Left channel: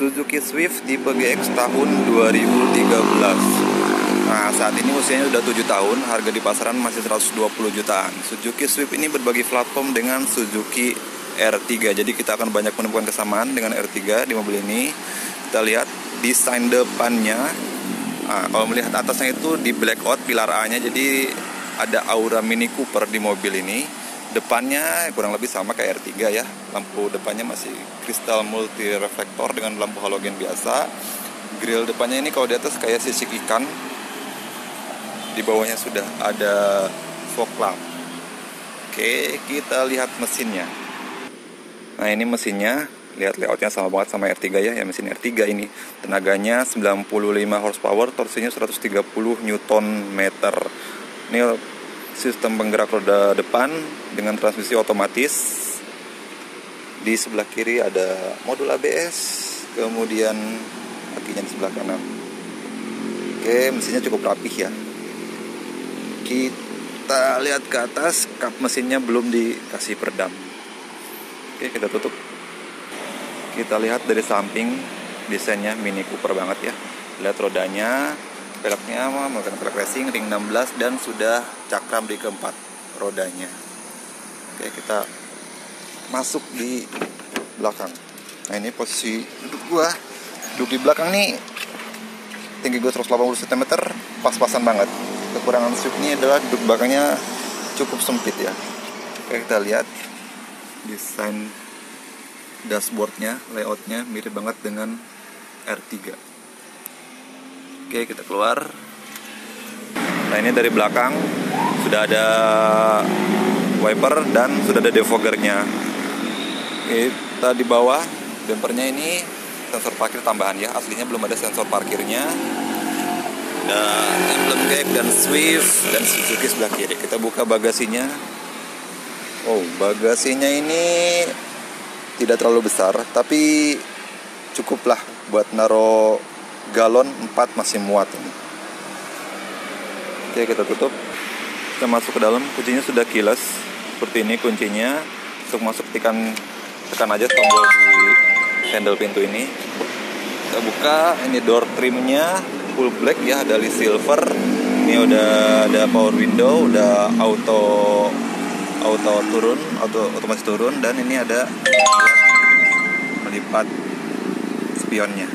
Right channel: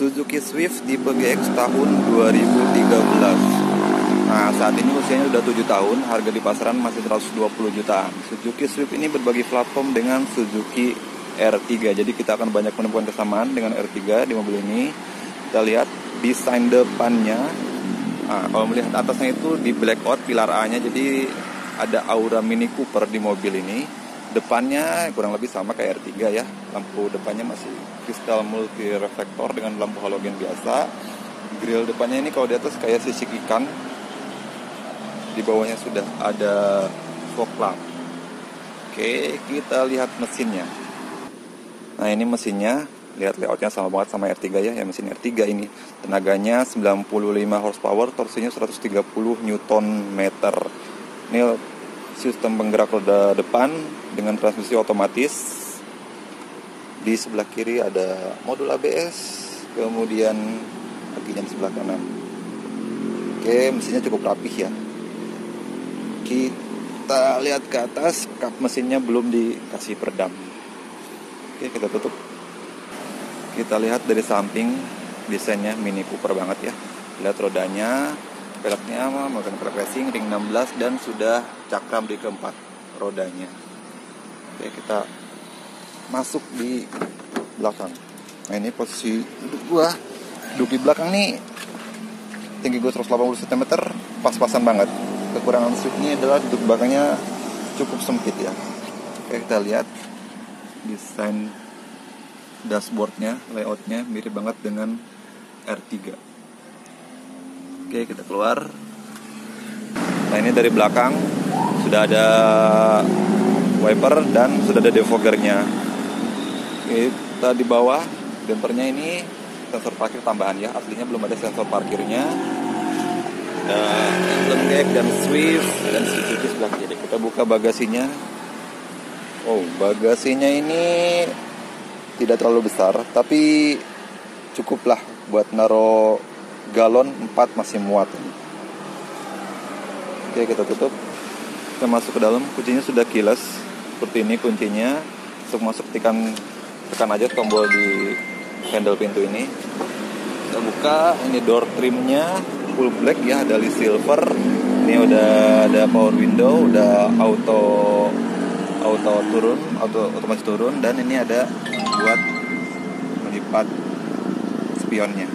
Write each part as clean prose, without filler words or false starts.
Suzuki Swift tipe GX tahun 2013. Nah, saat ini usianya sudah 7 tahun, harga di pasaran masih 120 jutaan. Suzuki Swift ini berbagi platform dengan Suzuki R3. Jadi kita akan banyak menemukan kesamaan dengan R3 di mobil ini. Kita lihat desain depannya. Nah, kalau melihat atasnya itu di blackout pilar A-nya, jadi ada aura Mini Cooper di mobil ini. Depannya kurang lebih sama kayak R3 ya. Lampu depannya masih kristal multi reflektor dengan lampu halogen biasa. Grill depannya ini kalau di atas kayak sisik ikan. Di bawahnya sudah ada fog lamp. Oke, kita lihat mesinnya. Nah, ini mesinnya, lihat layoutnya sama banget sama R3 ya. Ya, mesin R3 ini tenaganya 95 horsepower, torsinya 130 Nm. Ini sistem penggerak roda depan dengan transmisi otomatis. Di sebelah kiri ada modul ABS, kemudian kakinya di sebelah kanan. Oke, mesinnya cukup rapih ya. Kita lihat ke atas, kap mesinnya belum dikasih peredam. Oke, kita tutup. Kita lihat dari samping, desainnya Mini Cooper banget ya. Lihat rodanya, velgnya menggunakan velg racing ring 16 dan sudah cakram di keempat rodanya. Oke, kita masuk di belakang. Nah, ini posisi duduk gua. Duduk di belakang nih, tinggi gua 180 cm, pas-pasan banget. Kekurangan Swift ini adalah duduk belakangnya cukup sempit ya. Oke, kita lihat desain dashboardnya, layoutnya mirip banget dengan R3. Oke, kita keluar. Nah, ini dari belakang sudah ada wiper dan sudah ada defoggernya. Kita di bawah, bumpernya ini sensor parkir tambahan ya. Aslinya belum ada sensor parkirnya. Ada emblem GX dan Swift dan Suzuki sebelah kiri. Kita buka bagasinya. Oh, bagasinya ini tidak terlalu besar, tapi cukuplah buat naro galon 4 masih muat ini. Oke, kita tutup. Kita masuk ke dalam. Kuncinya sudah keyless. Seperti ini kuncinya. Untuk masuk tekan aja tombol di handle pintu ini. Kita buka. Ini door trimnya full black ya, ada silver. Ini udah ada power window, udah auto turun, otomatis turun, dan ini ada buat melipat spionnya.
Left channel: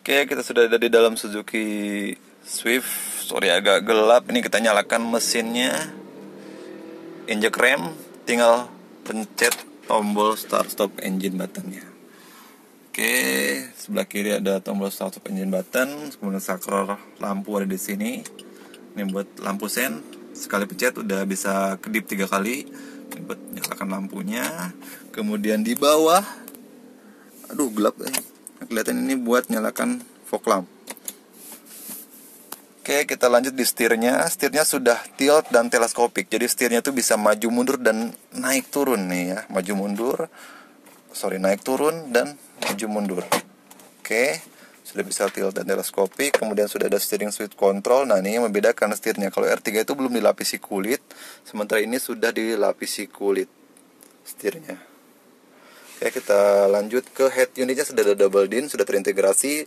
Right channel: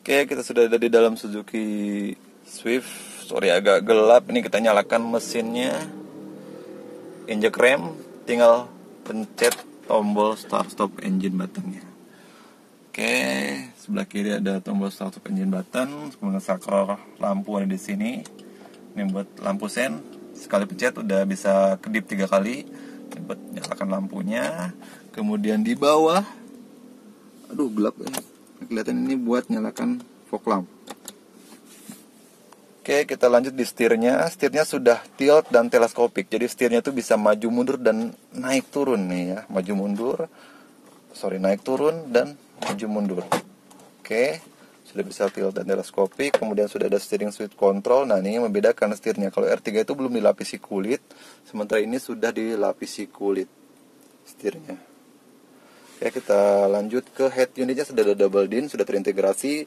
Oke, kita sudah ada di dalam Suzuki Swift. Sorry agak gelap. Ini kita nyalakan mesinnya. Injek rem, tinggal pencet tombol start stop engine buttonnya. Oke, sebelah kiri ada tombol start stop engine button, kemudian saklar lampu ada di sini. Ini buat lampu sen, sekali pencet udah bisa kedip 3 kali. Ini buat nyalakan lampunya. Kemudian di bawah, aduh gelap kelihatan, ini buat nyalakan fog lamp. Oke, kita lanjut di setirnya. Setirnya sudah tilt dan teleskopik, jadi setirnya tuh bisa maju mundur dan naik turun nih ya, naik turun dan maju mundur. Oke, sudah bisa tilt dan teleskopik. Kemudian sudah ada steering switch control. Nah, ini yang membedakan setirnya. Kalau R3 itu belum dilapisi kulit, sementara ini sudah dilapisi kulit setirnya. Oke, kita lanjut ke head unitnya. Sudah ada double DIN, sudah terintegrasi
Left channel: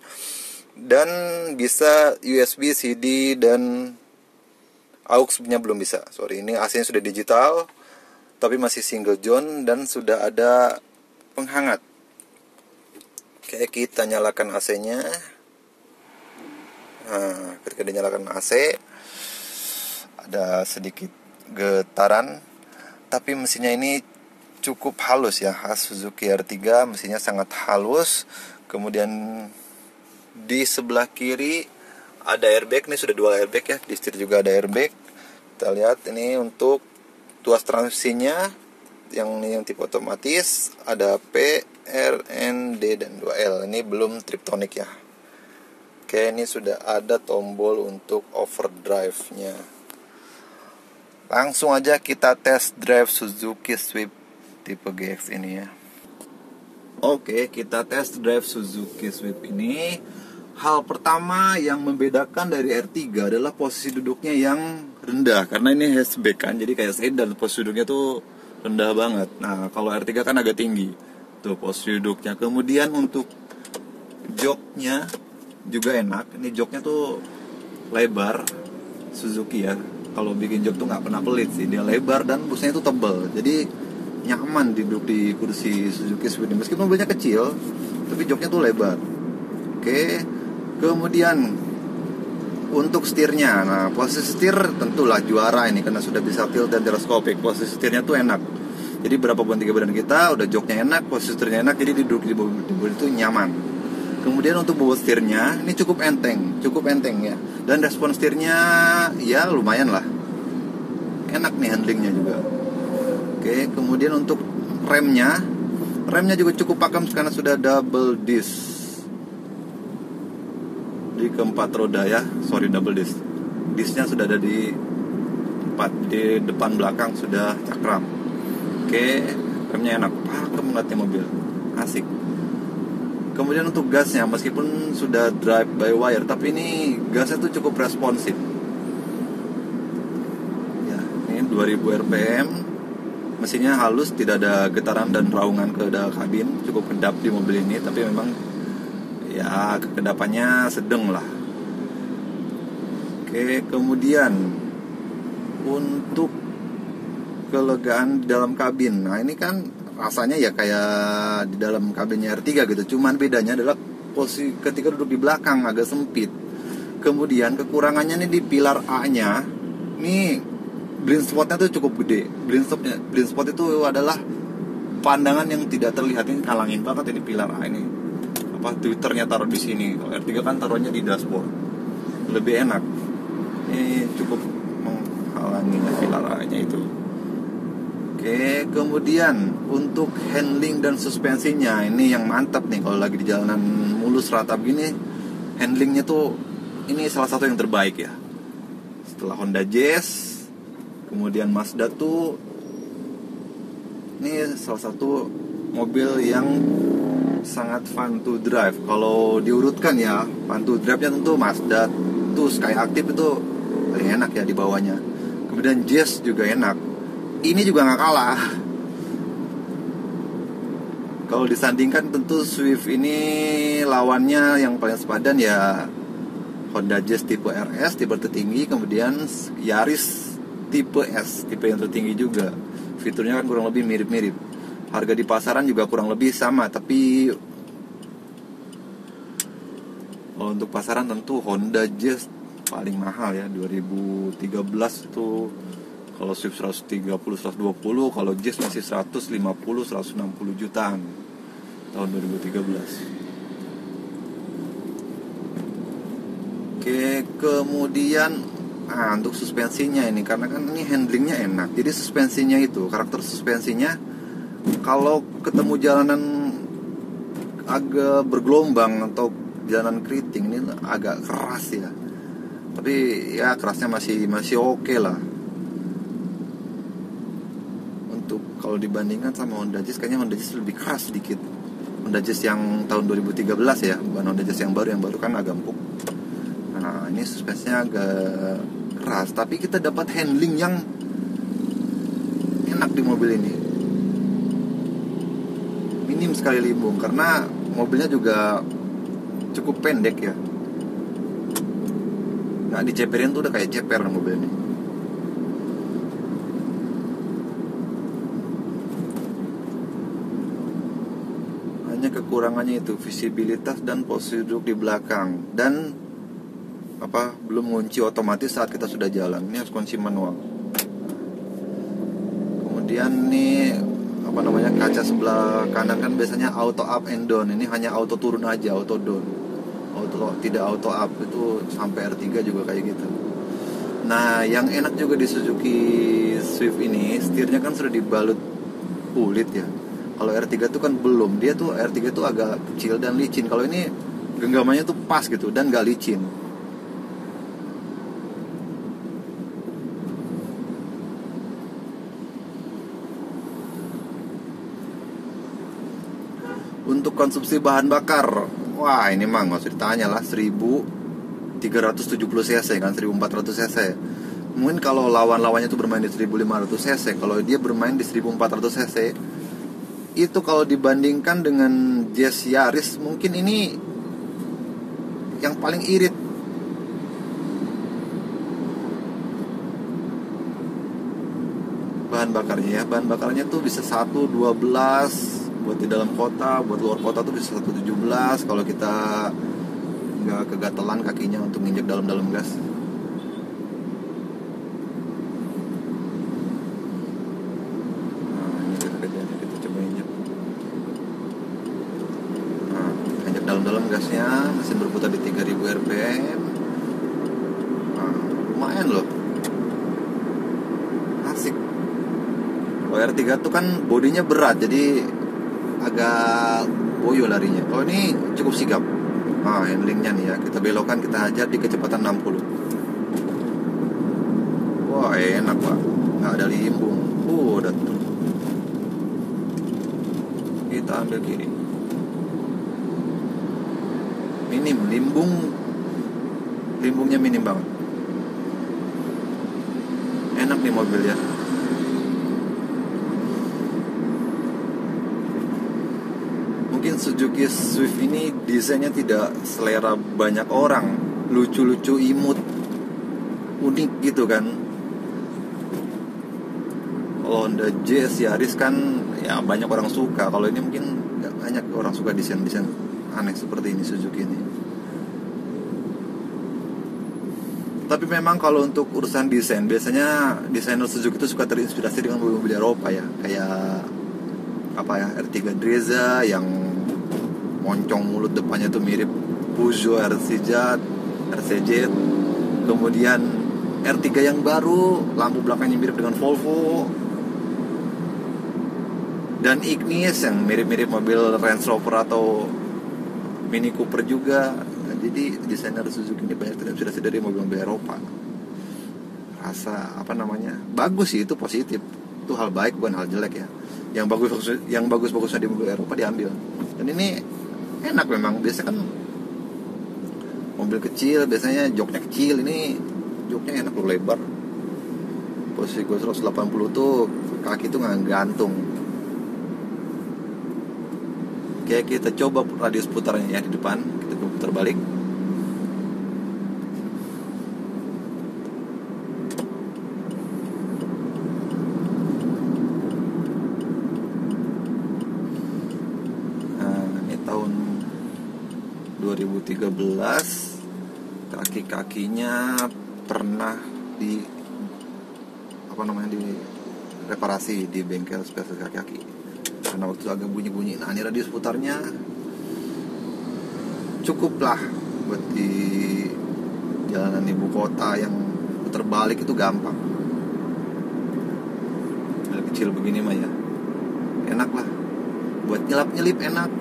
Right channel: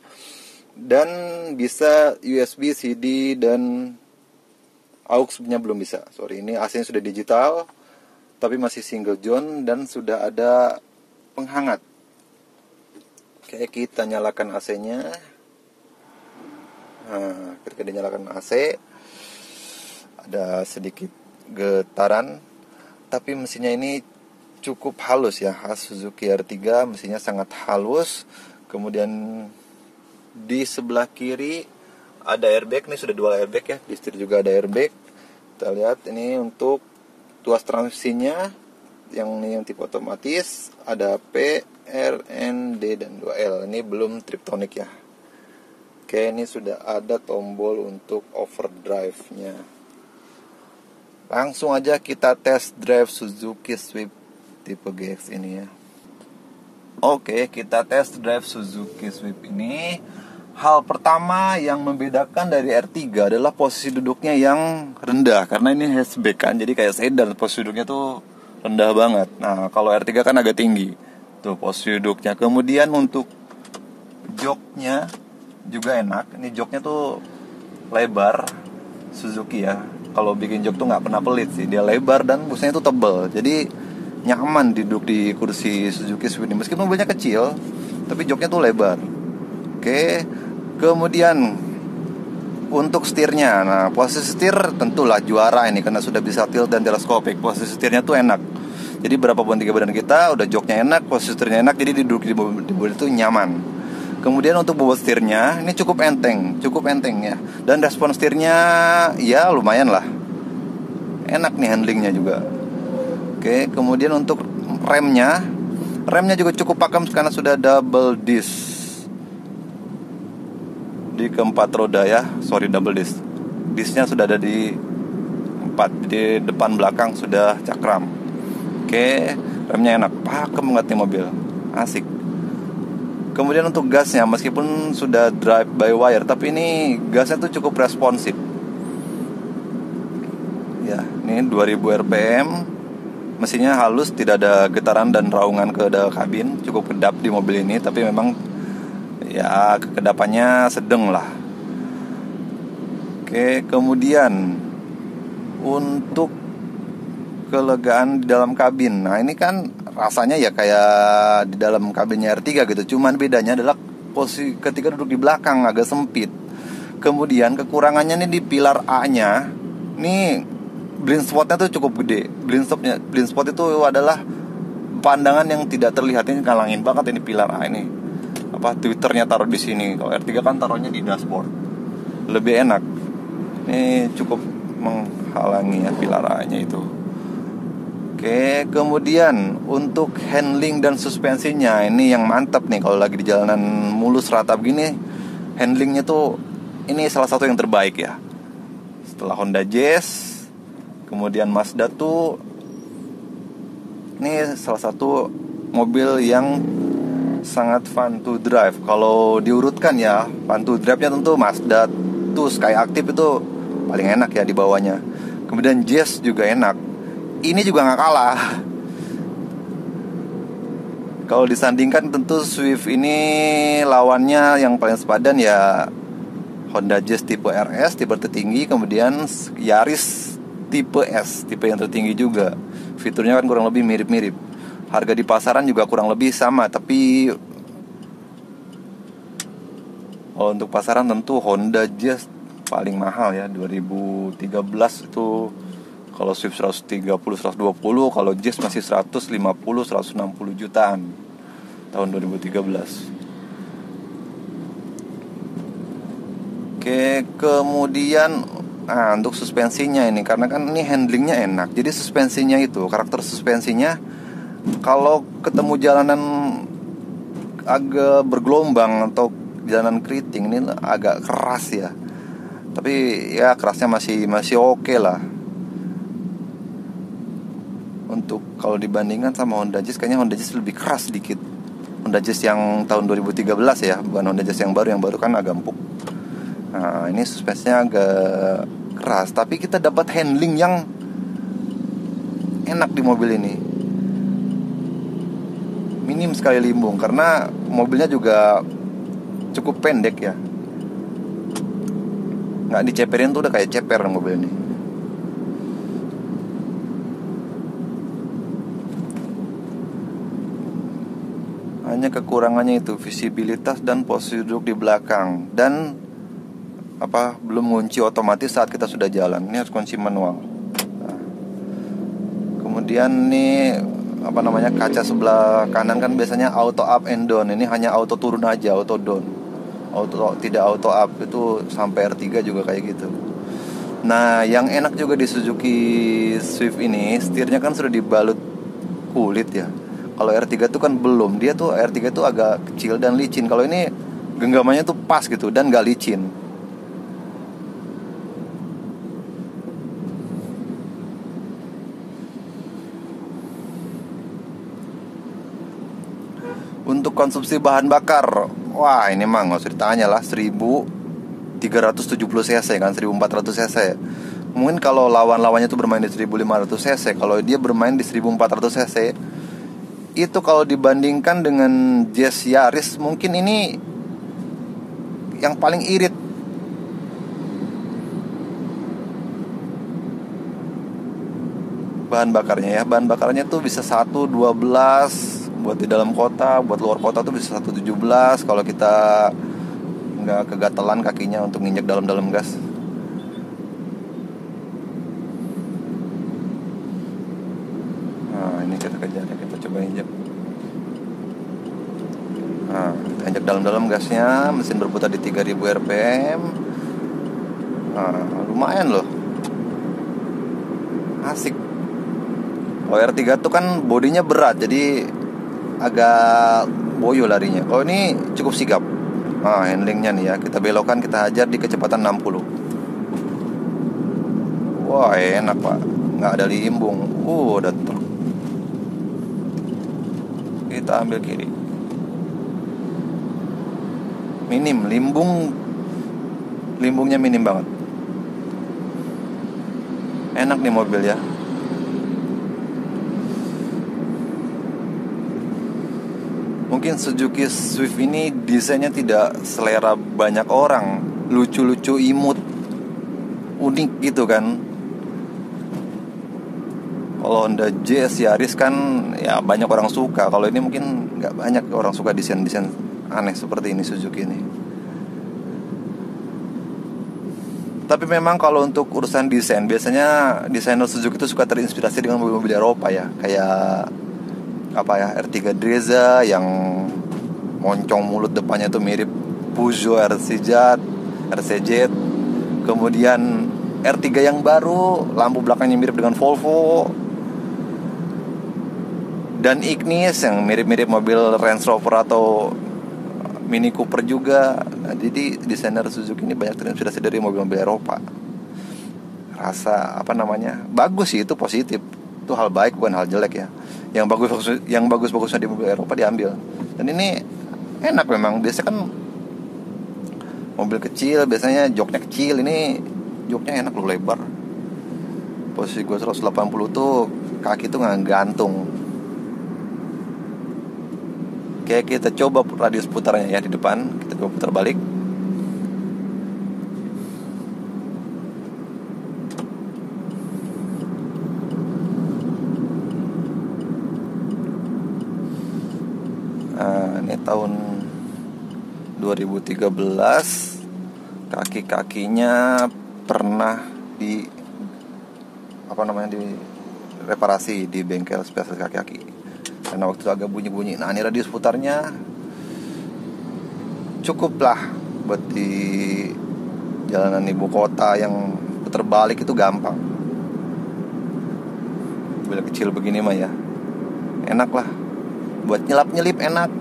dan bisa USB, CD dan aux-nya belum bisa. Sorry, ini AC-nya sudah digital tapi masih single zone dan sudah ada penghangat. Oke, kita nyalakan AC-nya. Nah, ketika dinyalakan AC ada sedikit getaran, tapi mesinnya ini cukup halus ya. Suzuki R3 mesinnya sangat halus. Kemudian di sebelah kiri ada airbag, ini sudah dual airbag ya. Di setir juga ada airbag. Kita lihat ini untuk tuas transmisinya yang tipe otomatis, ada P, R, N, D dan 2L. Ini belum Triptonic ya. Oke, ini sudah ada tombol untuk overdrive-nya. Langsung aja kita test drive Suzuki Swift tipe GX ini ya. Oke, kita test drive Suzuki Swift ini. Hal pertama yang membedakan dari R3 adalah posisi duduknya yang rendah. Karena ini hatchback kan, jadi kayak sedan, posisi duduknya tuh rendah banget. Nah, kalau R3 kan agak tinggi. Tuh posisi duduknya. Kemudian untuk joknya juga enak. Ini joknya tuh lebar Suzuki ya. Kalau bikin jok tuh nggak pernah pelit sih. Dia lebar dan busnya itu tebal. Jadi nyaman duduk di kursi Suzuki Swift ini. Meskipun mobilnya kecil, tapi joknya tuh lebar. Oke. Kemudian untuk setirnya. Nah, posisi setir tentulah juara ini karena sudah bisa tilt dan teleskopik. Posisi setirnya tuh enak. Jadi berapapun tinggi badan kita, udah joknya enak, posisi setirnya enak, jadi duduk di mobil itu nyaman. Kemudian untuk bobot setirnya, ini cukup enteng ya. Dan respon setirnya, ya lumayan lah. Enak nih handlingnya juga. Oke, kemudian untuk remnya juga cukup pakem karena sudah double disc di keempat roda ya. Double disc. Discnya sudah ada di 4, di depan belakang sudah cakram. Oke, remnya enak, pakem banget nih mobil, asik. Kemudian untuk gasnya, meskipun sudah drive by wire, tapi ini gasnya tuh cukup responsif. Ya, ini 2000 rpm, mesinnya halus, tidak ada getaran dan raungan ke kabin, cukup kedap di mobil ini, tapi memang ya kekedapannya sedang lah. Oke, kemudian untuk kelegaan di dalam kabin. Nah, ini kan rasanya ya kayak di dalam kabinnya R3 gitu. Cuman bedanya adalah posisi ketika duduk di belakang agak sempit. Kemudian kekurangannya nih di pilar A-nya. Nih blind spotnya tuh cukup gede. Blind spot itu adalah pandangan yang tidak terlihat. Ini kalangin banget ini pilar A ini. Twitternya taruh di sini. Kalau R3 kan taruhnya di dashboard. Lebih enak. Ini cukup menghalangi ya pilar A-nya itu. Oke, kemudian untuk handling dan suspensinya ini yang mantap nih kalau lagi di jalanan mulus ratap gini, handlingnya tuh ini salah satu yang terbaik ya. Setelah Honda Jazz, kemudian Mazda tuh ini salah satu mobil yang sangat fun to drive. Kalau diurutkan ya, fun to drive-nya tentu Mazda tuh Sky Active itu paling enak ya di bawahnya. Kemudian Jazz juga enak. Ini juga nggak kalah. Kalau disandingkan tentu Swift ini lawannya yang paling sepadan ya Honda Jazz tipe RS, tipe tertinggi. Kemudian Yaris tipe S, tipe yang tertinggi juga. Fiturnya kan kurang lebih mirip-mirip. Harga di pasaran juga kurang lebih sama. Tapi untuk pasaran tentu Honda Jazz paling mahal ya. 2013 itu kalau Swift 130, 120, kalau Jazz masih 150, 160 jutaan tahun 2013. Oke, kemudian untuk suspensinya ini, karena kan ini handlingnya enak, jadi suspensinya itu, karakter suspensinya kalau ketemu jalanan agak bergelombang atau jalanan keriting ini agak keras ya. Tapi ya kerasnya masih oke lah. Untuk kalau dibandingkan sama Honda Jazz, kayaknya Honda Jazz lebih keras sedikit. Honda Jazz yang tahun 2013 ya, bukan Honda Jazz yang baru kan agak empuk. Nah, ini suspensinya agak keras, tapi kita dapat handling yang enak di mobil ini. Minim sekali limbung karena mobilnya juga cukup pendek ya. Nggak diceperin tuh udah kayak ceper mobil ini. Kekurangannya itu visibilitas dan posisi duduk di belakang dan belum kunci otomatis saat kita sudah jalan. Ini harus kunci manual. Kemudian nih kaca sebelah kanan kan biasanya auto up and down. Ini hanya auto turun aja, auto down. Tidak auto up. Itu sampai R3 juga kayak gitu. Nah, yang enak juga di Suzuki Swift ini, setirnya kan sudah dibalut kulit ya. Kalau R3 tuh kan belum. Dia tuh R3 tuh agak kecil dan licin. Kalau ini genggamannya tuh pas gitu dan gak licin. Untuk konsumsi bahan bakar, wah ini mah gak usah ditanya lah, 1370 cc kan, 1400 cc. Mungkin kalau lawan-lawannya tuh bermain di 1500 cc, kalau dia bermain di 1400 cc itu kalau dibandingkan dengan Jazz Yaris, mungkin ini yang paling irit. Bahan bakarnya tuh bisa 112 buat di dalam kota, buat luar kota tuh bisa 117 kalau kita nggak kegatelan kakinya untuk nginjek dalam-dalam gas. Nah ini kita kerjanya, kita coba injek. Nah kita injek dalam-dalam gasnya, mesin berputar di 3000 rpm. Nah lumayan loh, asik. Kalau R3 tuh kan bodinya berat, jadi agak boyo larinya. Oh ini cukup sigap. Nah handlingnya nih ya, kita belokkan, kita hajar di kecepatan 60. Wah enak pak, nggak ada limbung. Udah tuh. Kita ambil kiri. Minim limbungnya minim banget. Enak nih mobil ya. Mungkin Suzuki Swift ini desainnya tidak selera banyak orang, lucu-lucu, imut, unik gitu kan. Kalau Honda Jazz Yaris kan ya banyak orang suka. Kalau ini mungkin nggak banyak orang suka desain-desain aneh seperti ini Suzuki ini. Tapi memang kalau untuk urusan desain, biasanya desainer Suzuki itu suka terinspirasi dengan mobil-mobil Eropa ya, kayak R3 Drezza yang moncong mulut depannya tuh mirip Peugeot RCZ. Kemudian R3 yang baru, lampu belakangnya mirip dengan Volvo. Dan Ignis yang mirip-mirip mobil Range Rover atau Mini Cooper juga. Jadi desainer Suzuki ini banyak terinspirasi dari mobil-mobil Eropa. Rasa bagus sih, itu positif. Itu hal baik, bukan hal jelek ya. Yang bagus-bagusnya di mobil Eropa diambil. Dan ini enak memang. Biasanya kan mobil kecil biasanya joknya kecil, ini joknya enak loh, lebar. Posisi gue 180 tuh kaki tuh nggak gantung. Oke, kita coba radius putarnya ya di depan. Kita coba putar balik. Tahun 2013, kaki-kakinya pernah direparasi di bengkel spesial kaki-kaki karena waktu itu agak bunyi-bunyi. Nah ini radius putarnya cukup lah buat di jalanan ibu kota yang putar balik itu gampang. Mobil kecil begini mah ya enak lah, buat nyelap-nyelip enak,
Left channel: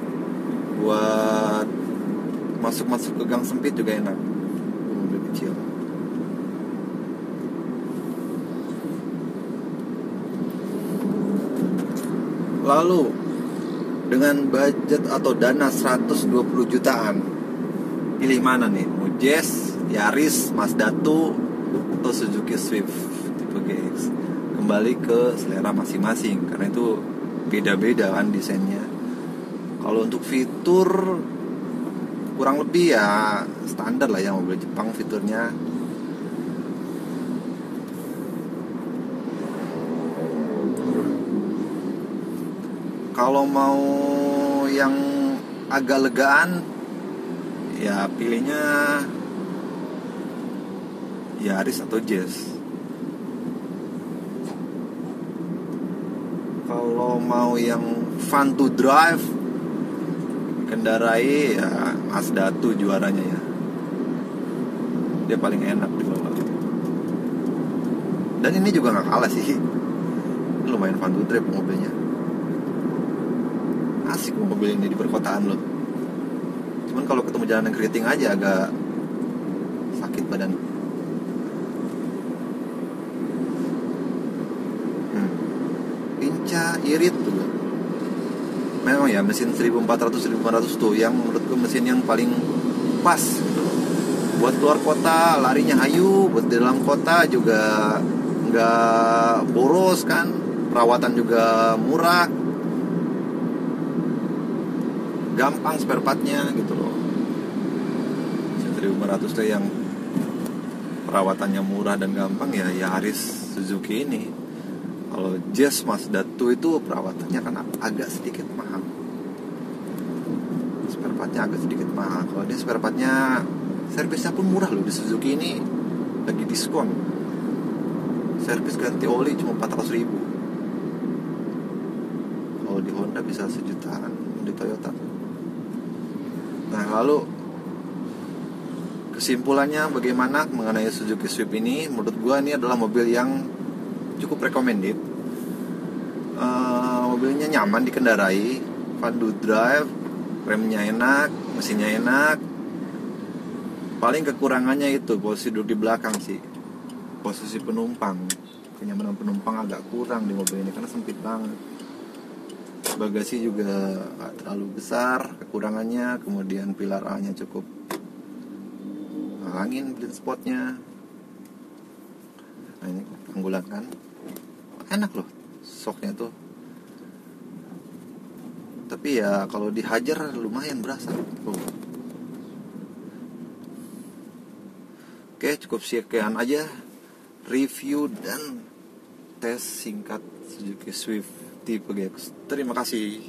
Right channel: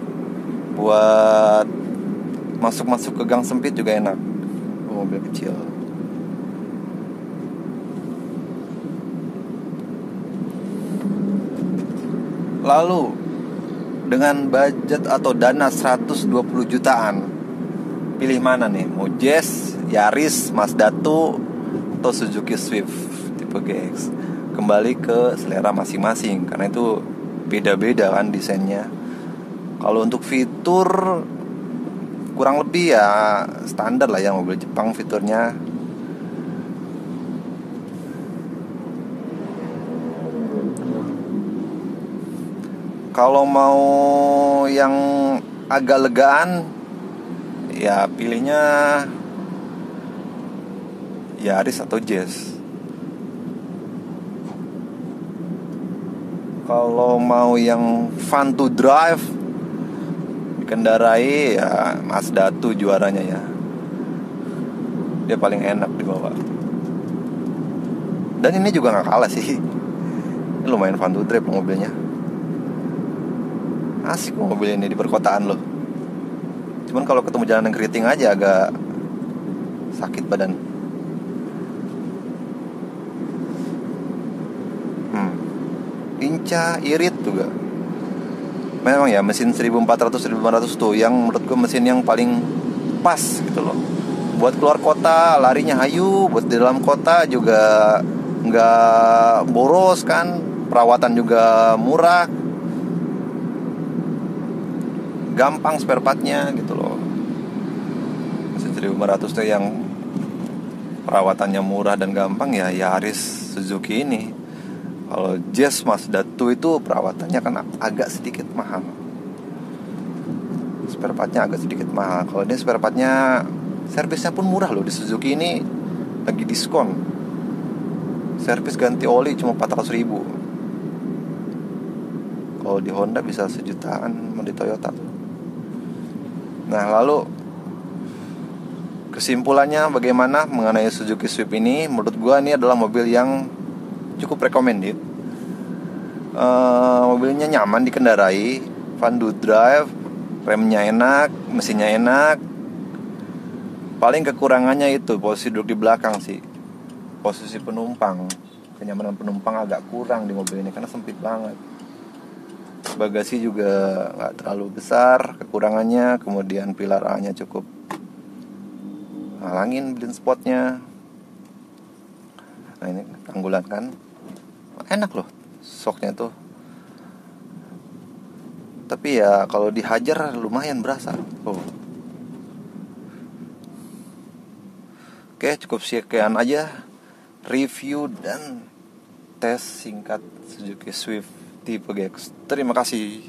buat masuk-masuk ke gang sempit juga enak. Mobil kecil. Lalu dengan budget atau dana 120 jutaan, pilih mana nih? Mau Jazz, Yaris, Mazda 2 atau Suzuki Swift tipe GX? Kembali ke selera masing-masing, karena itu beda-beda kan desainnya. Kalau untuk fitur kurang lebih ya standar lah ya mobil Jepang fiturnya. Kalau mau yang agak legaan ya pilihnya Yaris atau Jazz. Kalau mau yang fun to drive kendarai ya Mazda 2 juaranya ya. Dia paling enak dibawa. Dan ini juga gak kalah sih. Lumayan fun to drive mobilnya. Asik mobil ini di perkotaan loh. Cuman kalau ketemu jalanan keriting aja agak sakit badan. Lincah, irit juga. Memang ya mesin 1400-1500 tuh yang menurut gue mesin yang paling pas gitu loh. Buat keluar kota larinya hayu, buat di dalam kota juga nggak boros kan, perawatan juga murah. gampang spare partnya gitu loh. 1.500 tuh yang perawatannya murah dan gampang ya Yaris Suzuki ini. Kalau Jazz Mazda 2 itu perawatannya kan agak sedikit mahal, spare partnya agak sedikit mahal. Kalau ini spare partnya, servisnya pun murah loh. Di Suzuki ini lagi diskon, servis ganti oli cuma 400.000. Kalau di Honda bisa 1 jutaan, di Toyota. Nah, lalu kesimpulannya bagaimana mengenai Suzuki Swift ini? Menurut gua ini adalah mobil yang cukup recommended. Mobilnya nyaman dikendarai, fun to drive, remnya enak, mesinnya enak. Paling kekurangannya itu posisi duduk di belakang sih, posisi penumpang. Kenyamanan penumpang agak kurang di mobil ini karena sempit banget. Bagasi juga nggak terlalu besar kekurangannya. Kemudian pilar A-nya cukup halangin blind spotnya. Nah, ini tanggulan kan enak loh, shocknya tuh. Tapi ya kalau dihajar lumayan berasa. Oke, cukup sekian aja review dan tes singkat Suzuki Swift tipe GX. Terima kasih.